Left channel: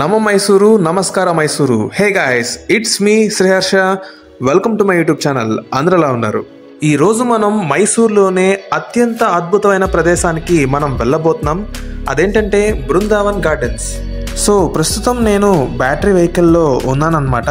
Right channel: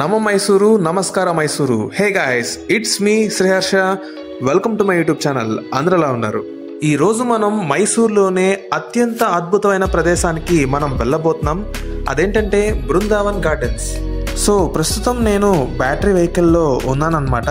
నమ మైసూరు, నమస్కార Mysuru. Hey guys, it's me Sriharsha. Welcome to my YouTube channel. అందరూ ఎలా ఉన్నారు? ఈ రోజు మనం మైసూర్లోనే అత్యంత అద్భుతమైన ప్రదేశానికి మనం వెళ్ళబోతున్నాం. అదేంటంటే బృందావన్ గార్డెన్స్. సో ప్రస్తుతం నేను బ్యాటరీ వెహికల్లో ఉన్నానన్నమాట.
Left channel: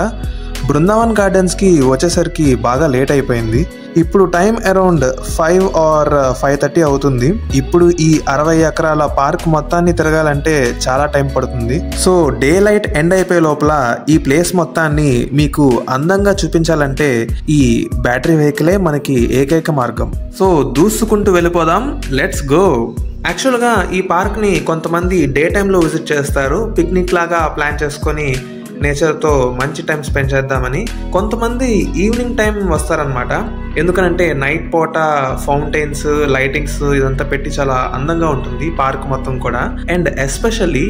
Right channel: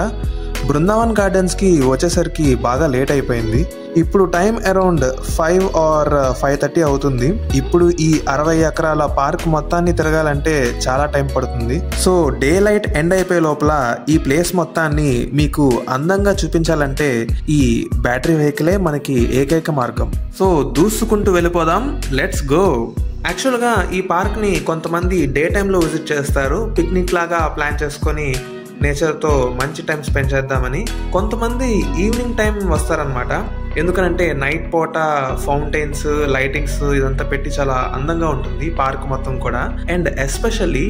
బృందావన్ గార్డెన్స్కి వచ్చేసరికి బాగా లేట్ అయిపోయింది. ఇప్పుడు టైం అరౌండ్ 5 or 5:30 అవుతుంది. ఇప్పుడు ఈ 60 ఎకరాల పార్క్ మొత్తాన్ని తిరగాలంటే చాలా టైం పడుతుంది. సో డే లైట్ ఎండ్ అయిపోయే లోపల ఈ ప్లేస్ మొత్తాన్ని మీకు అందంగా చూపించాలంటే ఈ బ్యాటరీ వెహికలే మనకి ఏకైక మార్గం. సో దూసుకుంటూ వెళ్ళిపోదాం. Let's go. యాక్చువల్గా ఈ పార్క్ని కొంతమంది డే టైంలో విజిట్ చేస్తారు, పిక్నిక్ లాగా ప్లాన్ చేసుకొని నేచర్తో మంచి టైం స్పెండ్ చేద్దామని. కొంతమంది ఈవినింగ్ టైం వస్తారనమాట. ఎందుకనంటే నైట్ పూట ఫౌంటైన్స్, లైటింగ్స్ ఇదంతా పెట్టి చాలా అందంగా ఉంటుంది పార్క్ మొత్తం కూడా. అండ్ ఎస్పెషల్లీ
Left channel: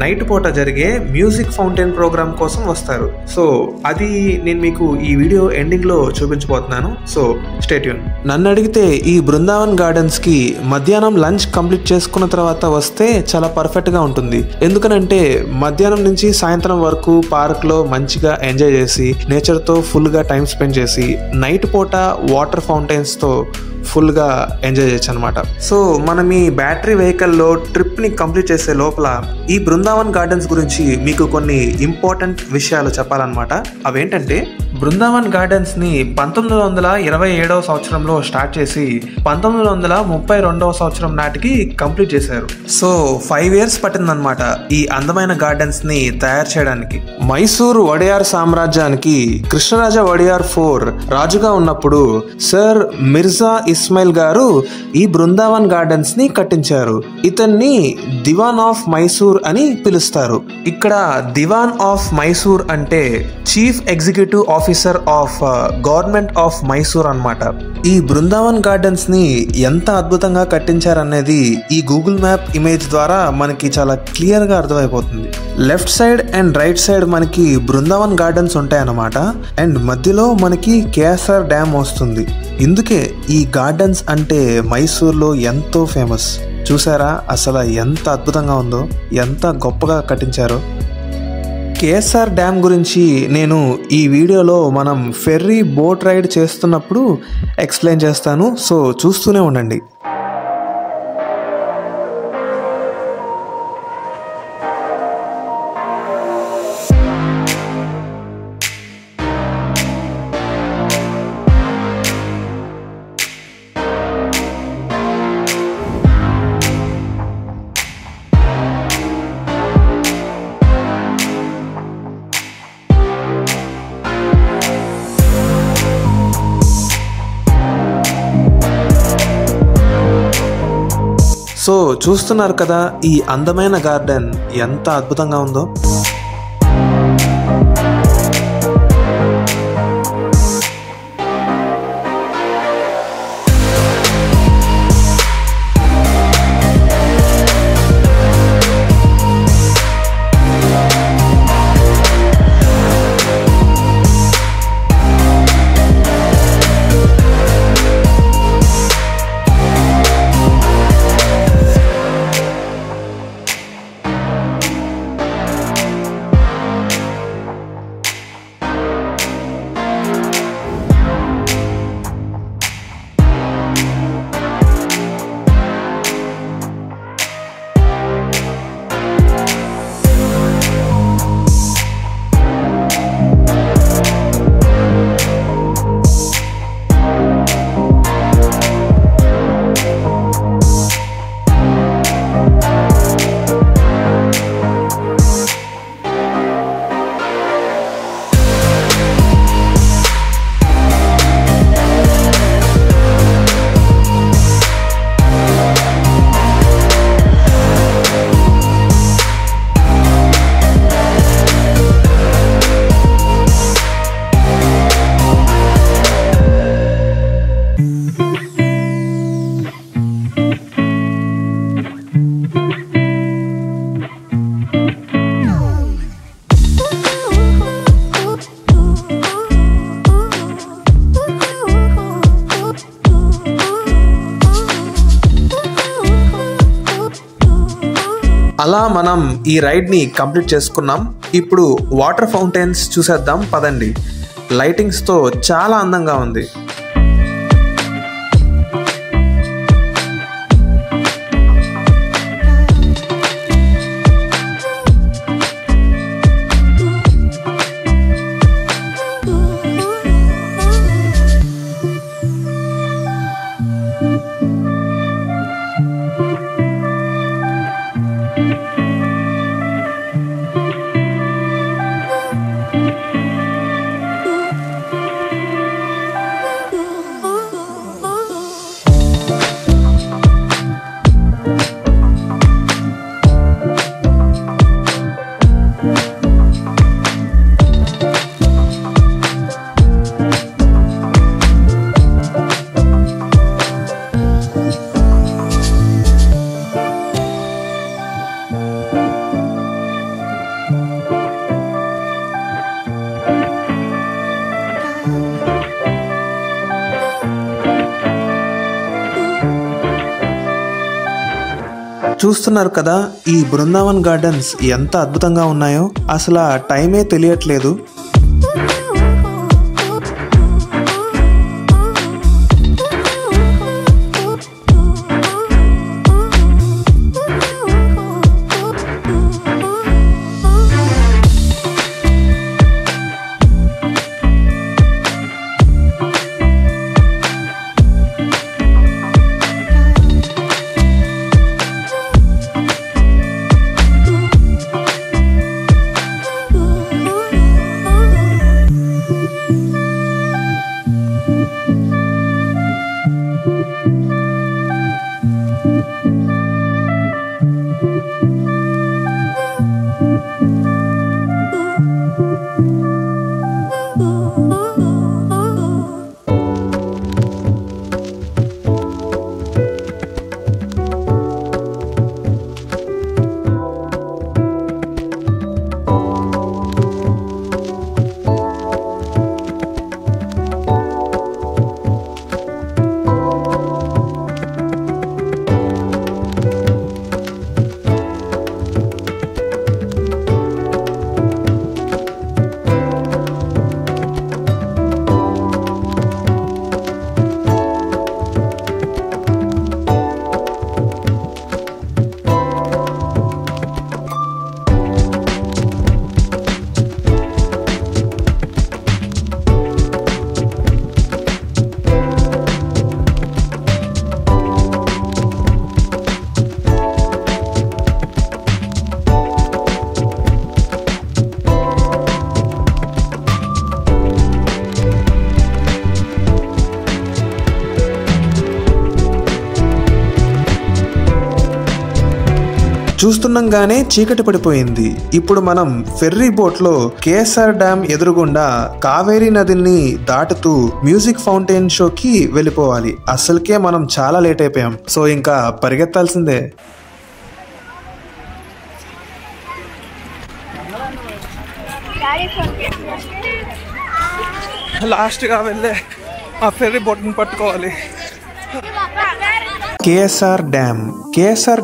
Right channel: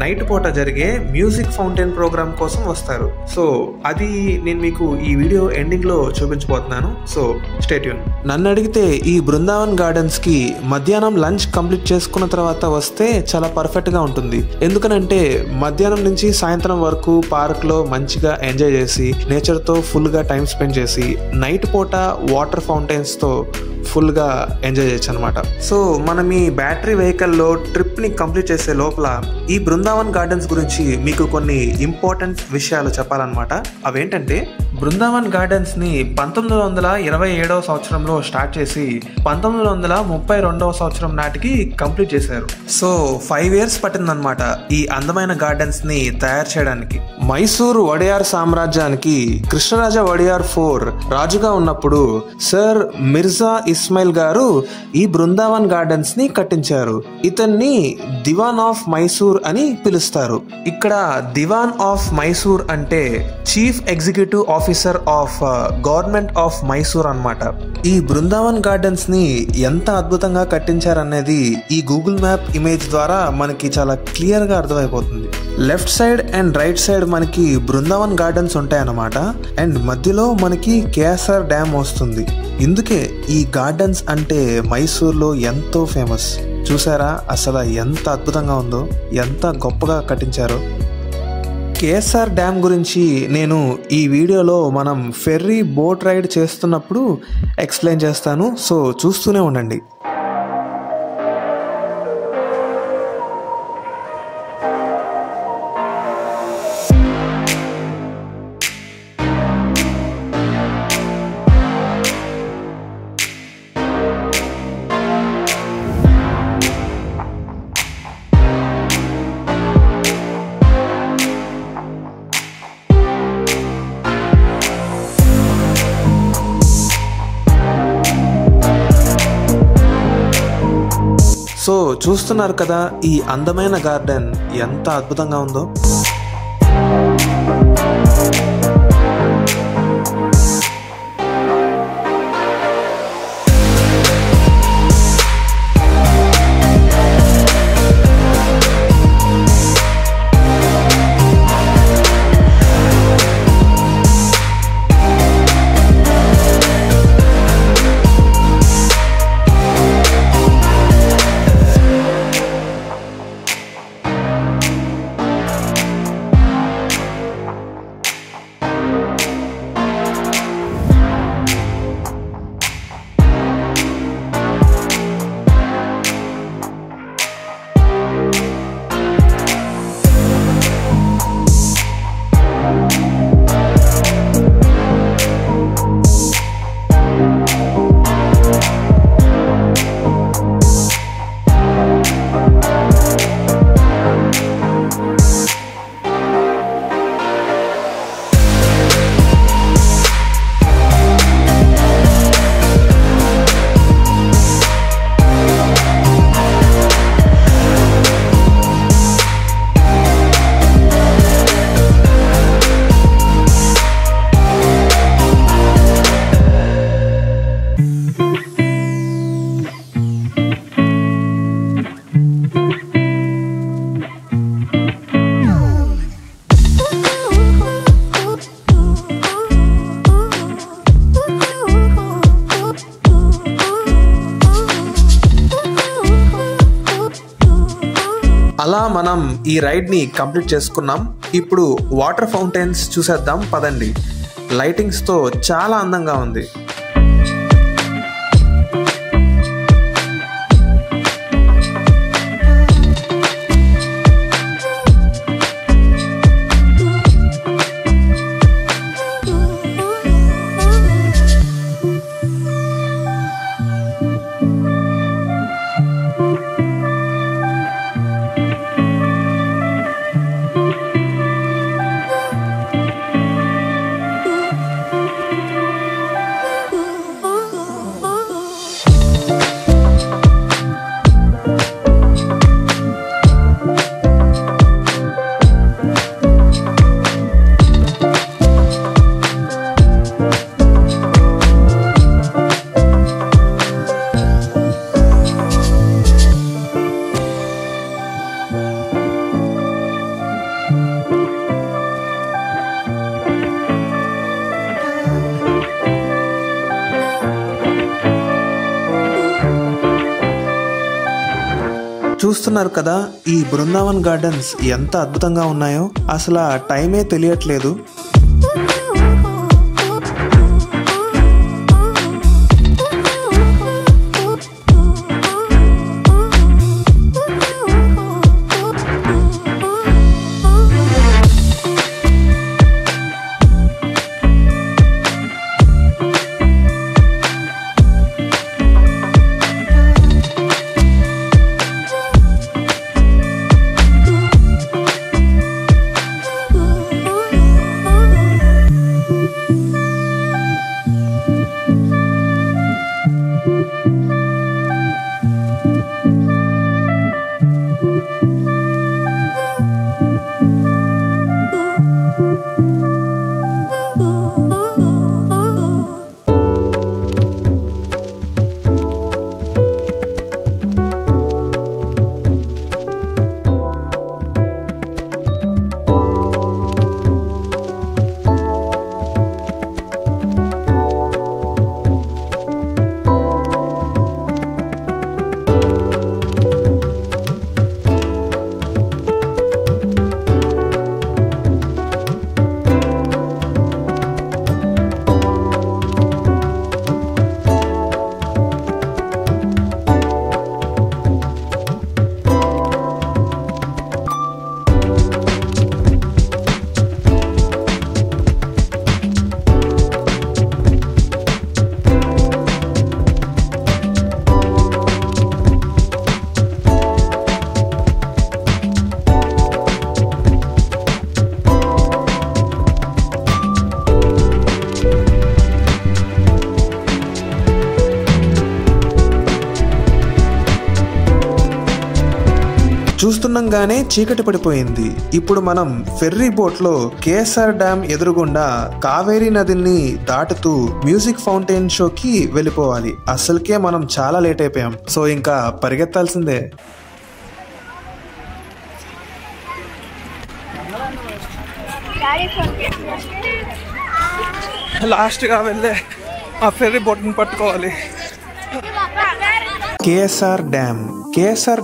నైట్ పూట జరిగే మ్యూజిక్ ఫౌంటైన్ ప్రోగ్రామ్ కోసం వస్తారు. సో అది నేను మీకు ఈ వీడియో ఎండింగ్ లో చూపించబోతున్నాను. So stay tune. నన్ను అడిగితే ఈ బృందావన్ గార్డెన్స్ కి మధ్యాహ్నం లంచ్ కంప్లీట్ చేసుకున్న తర్వాత వస్తే చాలా పర్ఫెక్ట్ గా ఉంటుంది. ఎందుకనంటే మధ్యాహ్నం నుంచి సాయంత్రం వరకు పార్క్ లో మంచిగా ఎంజాయ్ చేసి నేచర్ తో ఫుల్ గా టైం స్పెండ్ చేసి నైట్ పూట వాటర్ ఫౌంటైన్స్ తో ఫుల్ గా ఎంజాయ్ చేయొచ్చు అనమాట. సో మనం ఈ బ్యాటరీ వెహికల్ లో ట్రిప్ ని కంప్లీట్ చేసే లోపల ఈ బృందావన్ గార్డెన్స్ గురించి మీకు కొన్ని ఇంపార్టెంట్ విషయాలు చెప్పాలన్నమాట. అవేంటంటే బృందావన్ గార్డెన్స్ ని 1927వ సంవత్సరంలో స్టార్ట్ చేసి 1932వ సంవత్సరం నాటికి కంప్లీట్ చేశారు. సో 5 years పట్టిందనమాట ఈ అందమైన గార్డెన్స్ ని తయారు చేయడానికి. మైసూరు వడియార్ సామ్రాజ్యానికి కృష్ణరాజ వడియార్ 4 రాజుగా ఉన్నప్పుడు సర్ మిర్జా ఇస్మాయిల్ గారు ఈ బృందావన్ గార్డెన్స్ ని కట్టించారు. ఇతన్ని దివాన్ ఆఫ్ మైసూర్ అని పిలుస్తారు. ఇక్కడ దివాన్ ఆఫ్ మైసూర్ అంటే chief executive officer of government of Mysore అన్నమాట. ఈ బృందావన్ గార్డెన్స్ ని ఎంత అద్భుతంగా కట్టించారనేది ఈ గూగుల్ మ్యాప్ ఇమేజ్ ద్వారా మనకి చాలా క్లియర్ గా అర్థమైపోతుంది. Left side and right side మనకి బృందావన్ గార్డెన్స్ ఉంటాయన్నమాట. అండ్ మధ్యలో మనకి కేఎస్ఆర్ డ్యామ్ వస్తుంది. ఇందుకే ఈ గార్డెన్స్ అంటే మైసూర్లో ఎంతో ఫేమస్. చూసారా అసలు ఎంత అద్భుతంగా ఉందో, ఎంత గొప్పగా కట్టించారో. కేఎస్ఆర్ డ్యామ్ గురించి నేను ఈ వీడియోలో మనం ఫెర్రీ బోట్ రైడ్ చేస్తున్నప్పుడు ఎక్స్ప్లెయిన్ చేస్తాను. సో చూస్తూనే ఉండండి. సో చూస్తున్నారు కదా ఈ అందమైన గార్డెన్ ఎంత అద్భుతంగా ఉందో. రైడ్ ని కంప్లీట్ చేసుకున్నాం. ఇప్పుడు వాటర్ ఫౌంటైన్స్ చూసేద్దాం పదండి. లైటింగ్స్ తో చాలా అందంగా ఉంది. చూస్తున్నారు కదా, ఈ బృందావన్ గార్డెన్స్ ఎంత అద్భుతంగా ఉన్నాయో. అసలు టైమే తెలియట్లేదు. చూస్తుండగానే చీకటి పడిపోయింది. ఇప్పుడు మనం ఫెర్రీ బోట్ లో కేఎస్ఆర్ డ్యామ్ ఎదురుగుండా కావేరీ నదిని దాటుతూ మ్యూజిక్ ఫౌంటైన్ షోకి వెళ్ళిపోవాలి. అసలుకే మనం చాలా లేట్ అయిపోయాం. సో ఇంకా పరిగెత్తాల్సిందే. లాస్ట్ గా వెళ్ళే ఆ ఫెర్రీ బోట్ ని పట్టుకోవాలి. కేఎస్ఆర్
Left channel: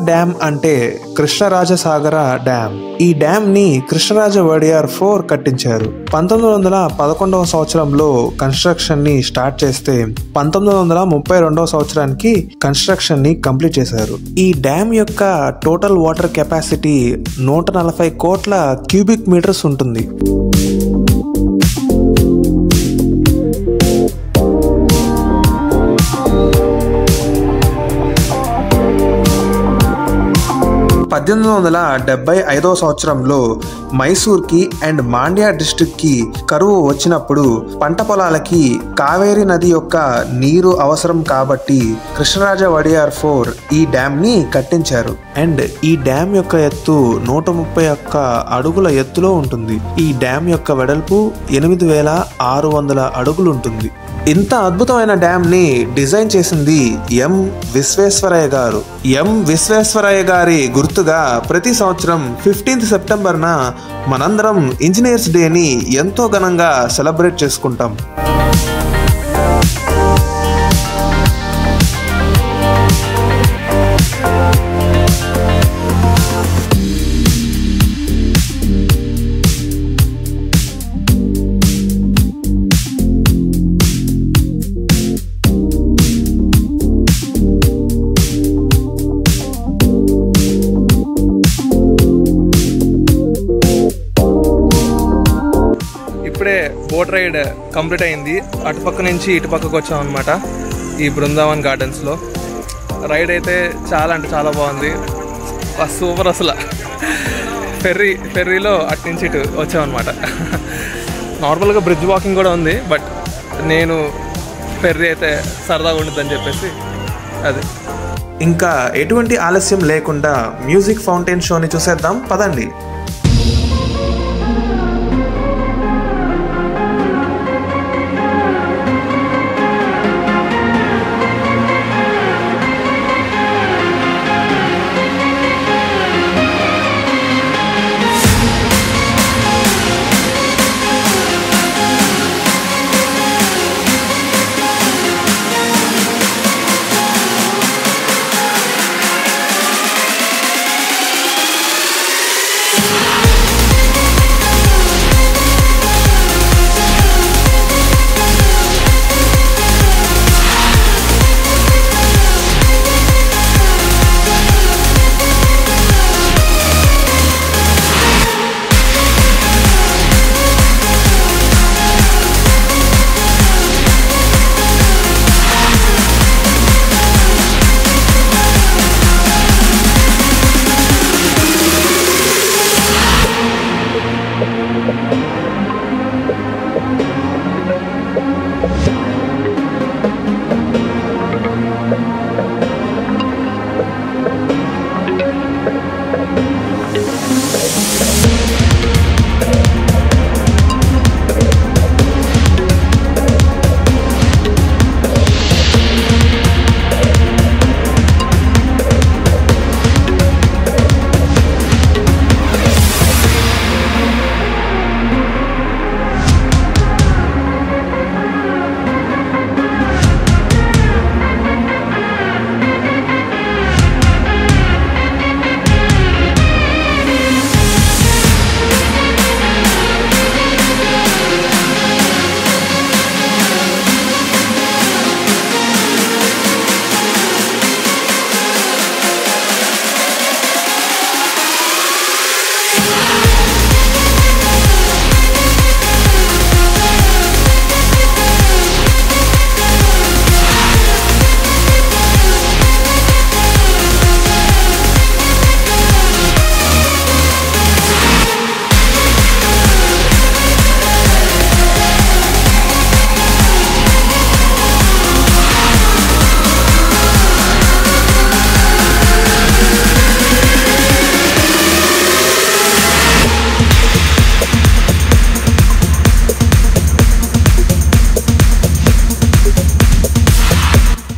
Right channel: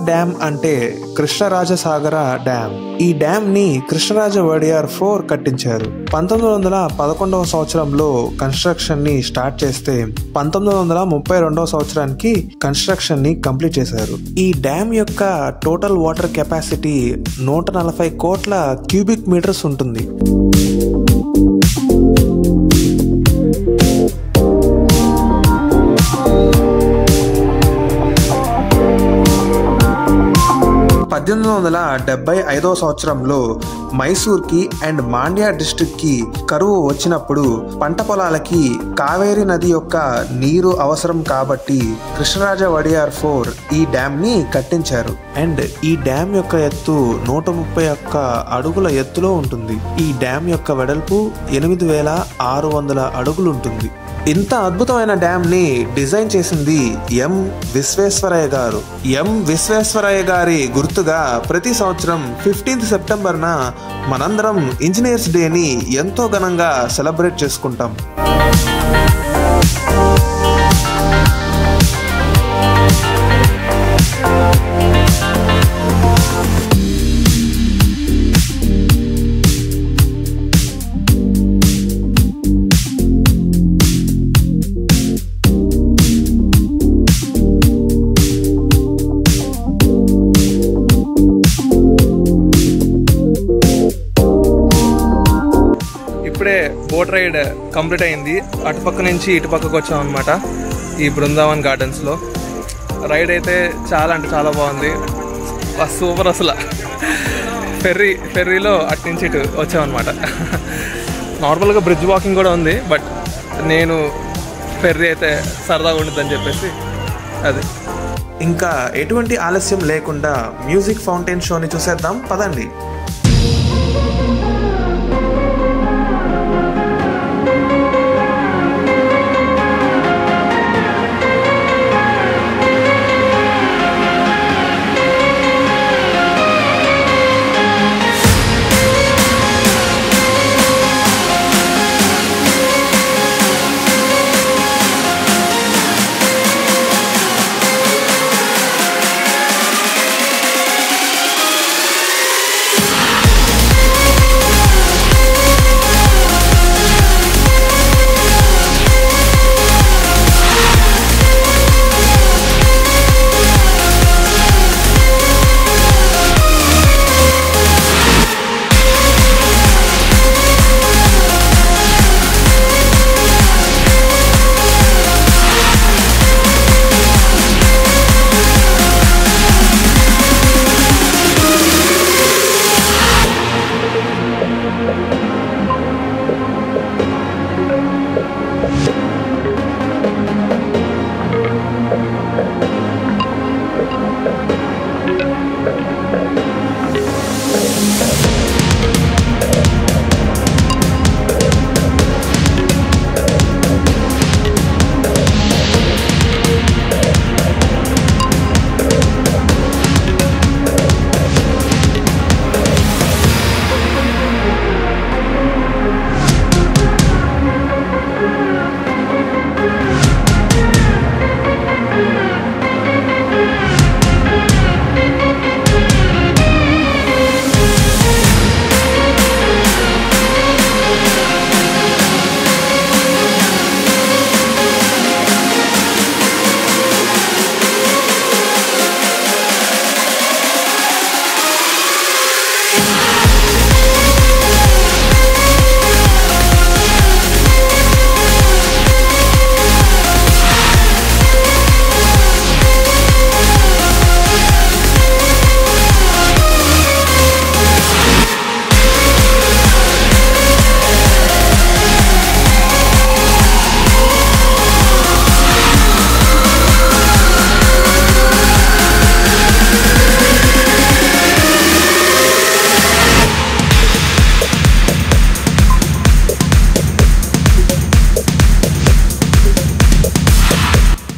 డ్యామ్ అంటే కృష్ణరాజసాగర డ్యామ్. ఈ డ్యామ్ ని కృష్ణరాజ వడియార్ 4 కట్టించారు. 1911వ సంవత్సరంలో కన్స్ట్రక్షన్ ని స్టార్ట్ చేస్తే 1932వ సంవత్సరానికి కన్స్ట్రక్షన్ ని కంప్లీట్ చేశారు. ఈ డ్యామ్ యొక్క టోటల్ వాటర్ కెపాసిటీ 140 కోట్ల క్యూబిక్ మీటర్స్ ఉంటుంది. సంవత్సరంలో మైసూర్కి అండ్ మాండ్యా డిస్ట్రిక్ట్ కి కరువు వచ్చినప్పుడు పంట పొలాలకి కావేరీ నది యొక్క నీరు అవసరం కాబట్టి కృష్ణరాజ వడియార్ 4 ఈ డ్యామ్ ని కట్టించారు. అండ్ ఈ డ్యామ్ యొక్క ఎత్తు 131 అడుగుల ఎత్తులో ఉంటుంది. ఈ డ్యామ్ యొక్క వెడల్పు 8600 అడుగులు ఉంటుంది. ఇంత అద్భుతమైన డ్యామ్ ని డిజైన్ చేసింది ఎం విశ్వేశ్వరయ్య గారు. ఎం విశ్వేశ్వరయ్య గారి గుర్తుగా ప్రతి సంవత్సరం 15th సెప్టెంబర్న మనందరం ఇంజనీర్స్ డేని ఎంతో ఘనంగా సెలబ్రేట్ చేసుకుంటాం. ఇప్పుడే బోట్ రైడ్ కంప్లీట్ అయింది. అటుపక్క నుంచి ఇటుపక్కకు వచ్చాం అనమాట ఈ బృందావన్ గార్డెన్స్లో. రైడ్ అయితే చాలా అంటే చాలా బాగుంది, సూపర్ అసలు. ఫెర్రీలో అటు నుంచి ఇటు వచ్చామన్నమాట. నార్మల్గా బ్రిడ్జ్ వాకింగ్ కూడా ఉంది, బట్ నేను ఫెర్రీ అయితే సరదాగా ఉంటుందని చెప్పేసి అది. ఇంకా ఎటువంటి ఆలస్యం లేకుండా మ్యూజిక్ ఫౌంటైన్ షోని చూసేద్దాం పదండి.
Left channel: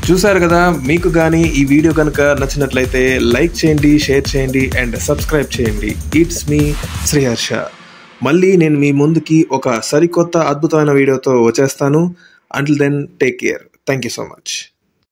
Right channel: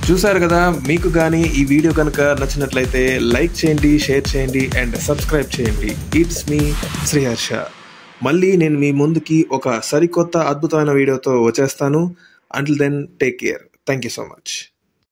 చూసారు కదా, మీకు కానీ ఈ వీడియో కనుక నచ్చినట్లయితే లైక్ చేయండి, షేర్ చేయండి అండ్ సబ్స్క్రైబ్ చేయండి. ఇట్స్ మీ శ్రీహర్ష. మళ్ళీ నేను మీ ముందుకి ఒక సరికొత్త అద్భుతమైన వీడియోతో వచ్చేస్తాను. Until then take care. Thank you so much.